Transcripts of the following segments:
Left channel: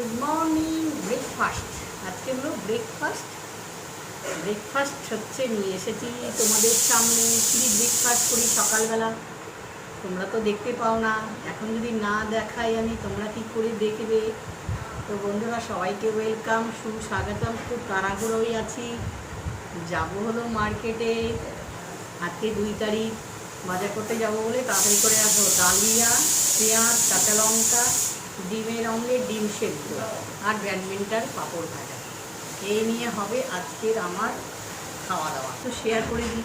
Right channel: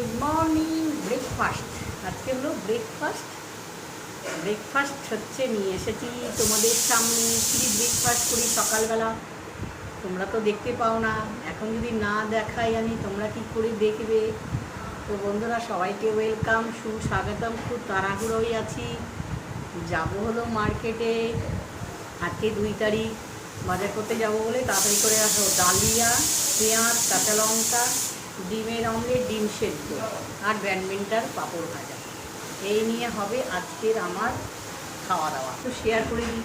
Good morning. Breakfast আজকে হলো breakfast হচ্ছে নিয়ে এসেছি তোমাদের সামনে। কি ব্রেকফাস্ট করি সকালবেলা তোমরা তো দেখতে পাও না, এখন যদি না দেখাই আমি তোমরা কি করে দেখবে? তো বন্ধুরা সবাইকে ওয়েলকাম, সুস্বাগতম। খুব তাড়াহুড়োই আছি, যাব হলো মার্কেটে। আজকে 2 তারিখ, বাজার করতে যাব বলে তাড়াতাড়ি করে আসো। ডালিয়া, পেঁয়াজ, কাঁচা লঙ্কা, ডিমের অমলেট, ডিম সেদ্ধ আর ব্যাডমিন্টন পাঁপড় ভাজা, এই নিয়ে হবে আজকের আমার খাওয়া দাওয়া। তো শেয়ার করে দিই,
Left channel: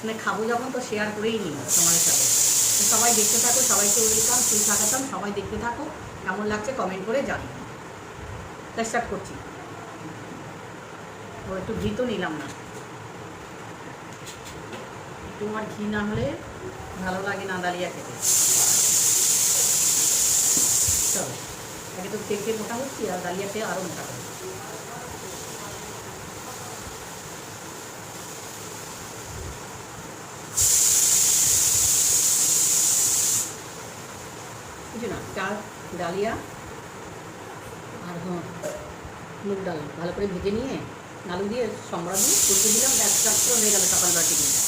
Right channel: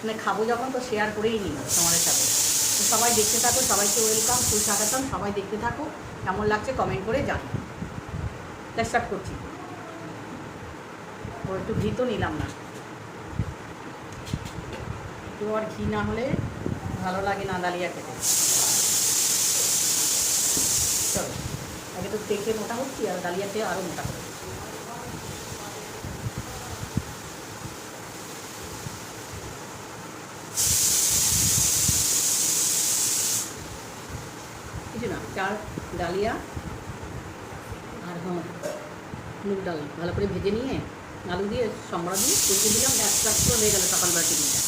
মানে খাবো যখন তো শেয়ার করেই নিই তোমাদের সাথে। তো সবাই দেখতে থাকো, সবাইকে ওয়েলকাম, সুস্বাগতম। সবাই দেখতে থাকো, কেমন লাগছে কমেন্ট করে জানিও। স্টার্ট করছি। ও একটু ঘি তো নিলাম না, একটু আর ঘি না হলে ভালো লাগে না ডালিয়া খেতে। চলো, আগে তো তেলতে মোটা হচ্ছি আর ডালিয়াতে আরও মোটা হবে। কিছু না, চাল, ডালিয়া আর মুগ ডাল ভালো করে ভেজে নিয়ে আলু দিয়ে সম্বরা দিয়ে কুলকে দিলাম, একটা হয়ে গেল সকালবেলা টিফিনটা।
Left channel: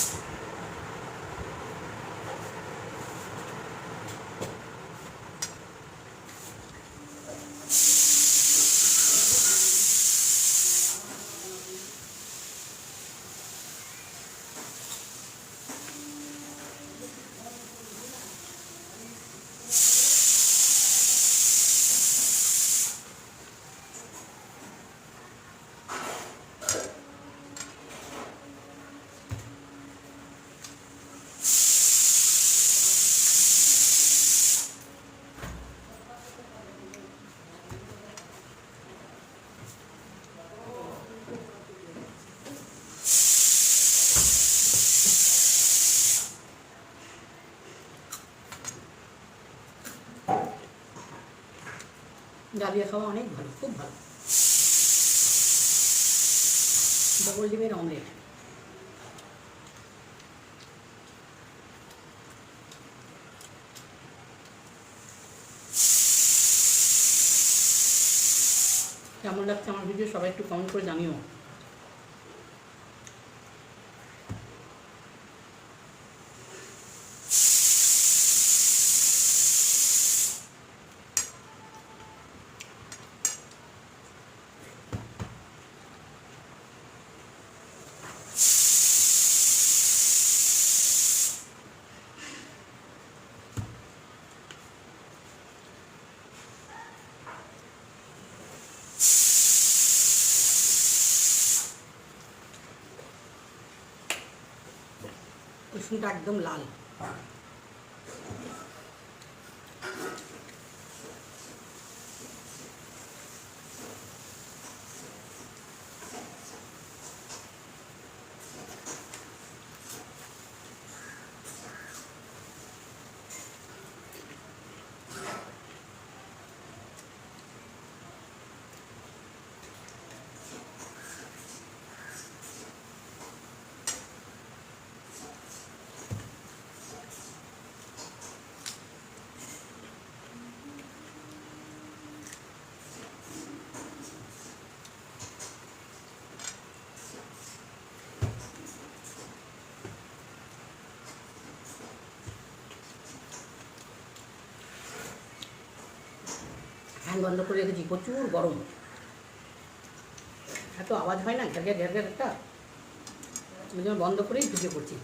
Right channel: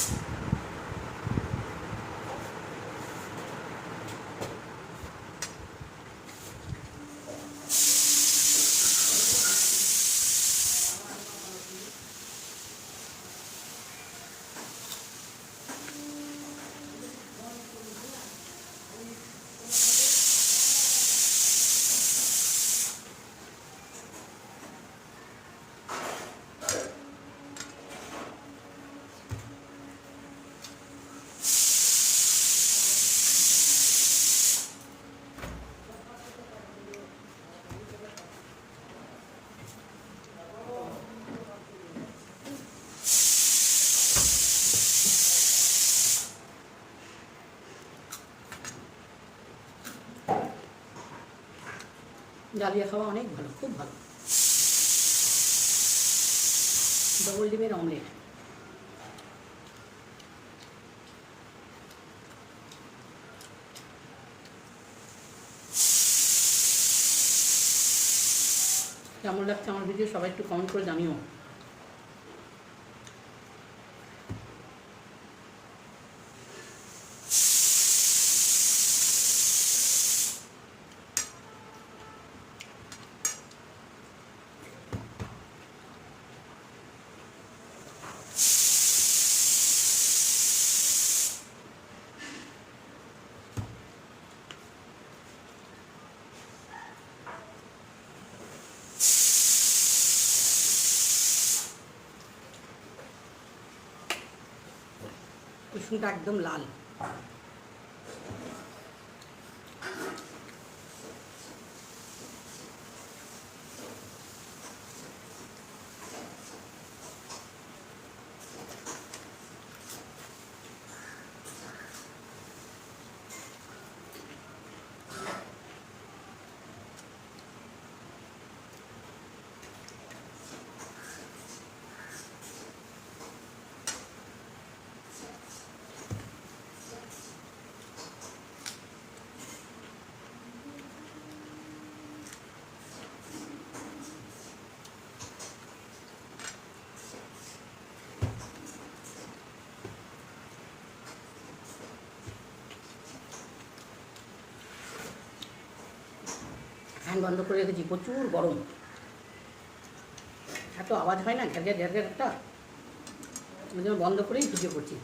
ডালিয়া খাওয়া অনেক ভালো, খুব ভালো। ডবল ডিমের অমলেট, কেমন লাগছে আমার ভিডিও সবাই একটু কমেন্ট করে জানিও। কুসুমটা একদম লাল। ফ্যান বন্ধ করে রেখেছি, প্রচুর গরম, এত আওয়াজ হয় না ঘ্যার ঘ্যার একটা, ওই জন্য বন্ধ করেই ঢুকে পড়ছি।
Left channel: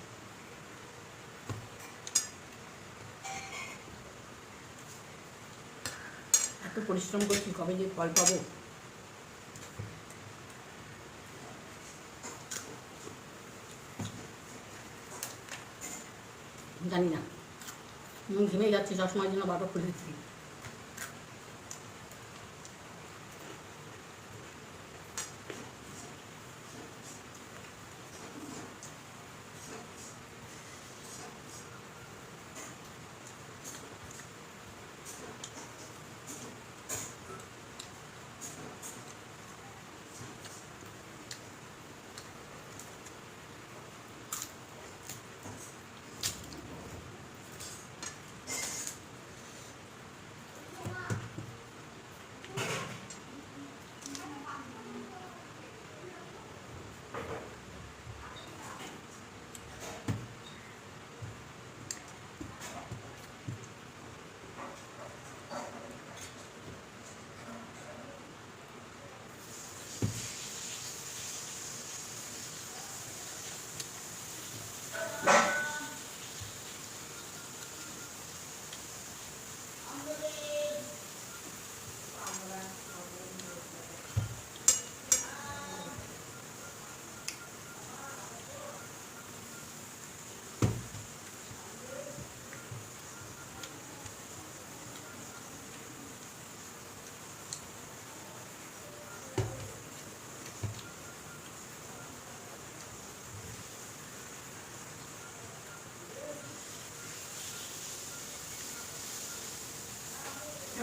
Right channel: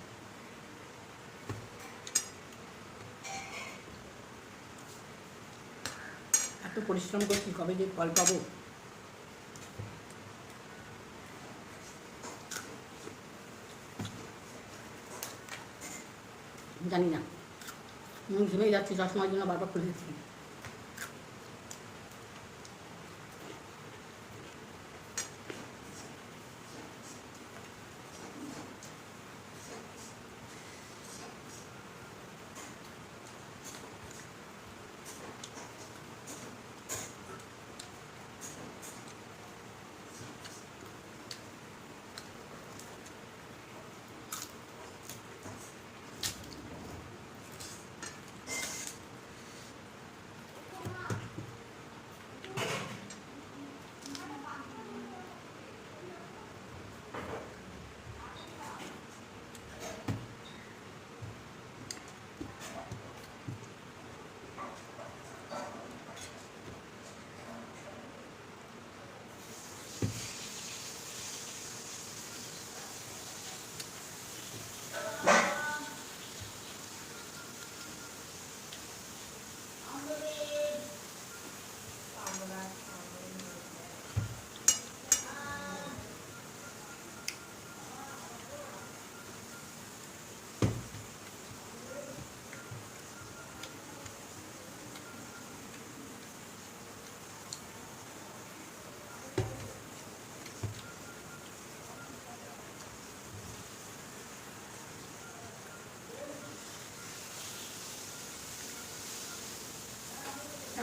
এত পরিশ্রম করছি, কবে যে ফল পাবো। জানি না, ঘেমে যাচ্ছি, সবসময়ের জন্য বারবার খুলে দিচ্ছি।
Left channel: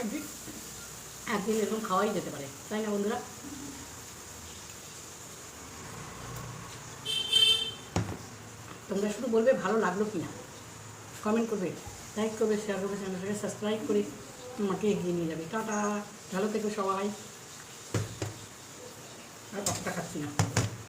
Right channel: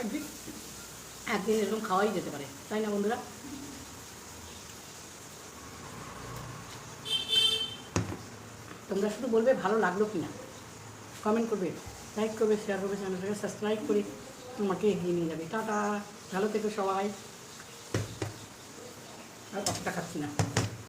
একদিন একদিন এরকম খাওয়াই যেতে পারে, তাই না বন্ধুরা? তোমরা শুধু বলবে ভালো লাগলো কি না, কমেন্ট করবে, লাইক করবে, শেয়ার করবে, চ্যানেলটাকে সাবস্ক্রাইব করে আমাকে এগিয়ে নিয়ে যাবে। টাটা, ভালো থেকো সবাই। আর কতটা খাচ্ছি না।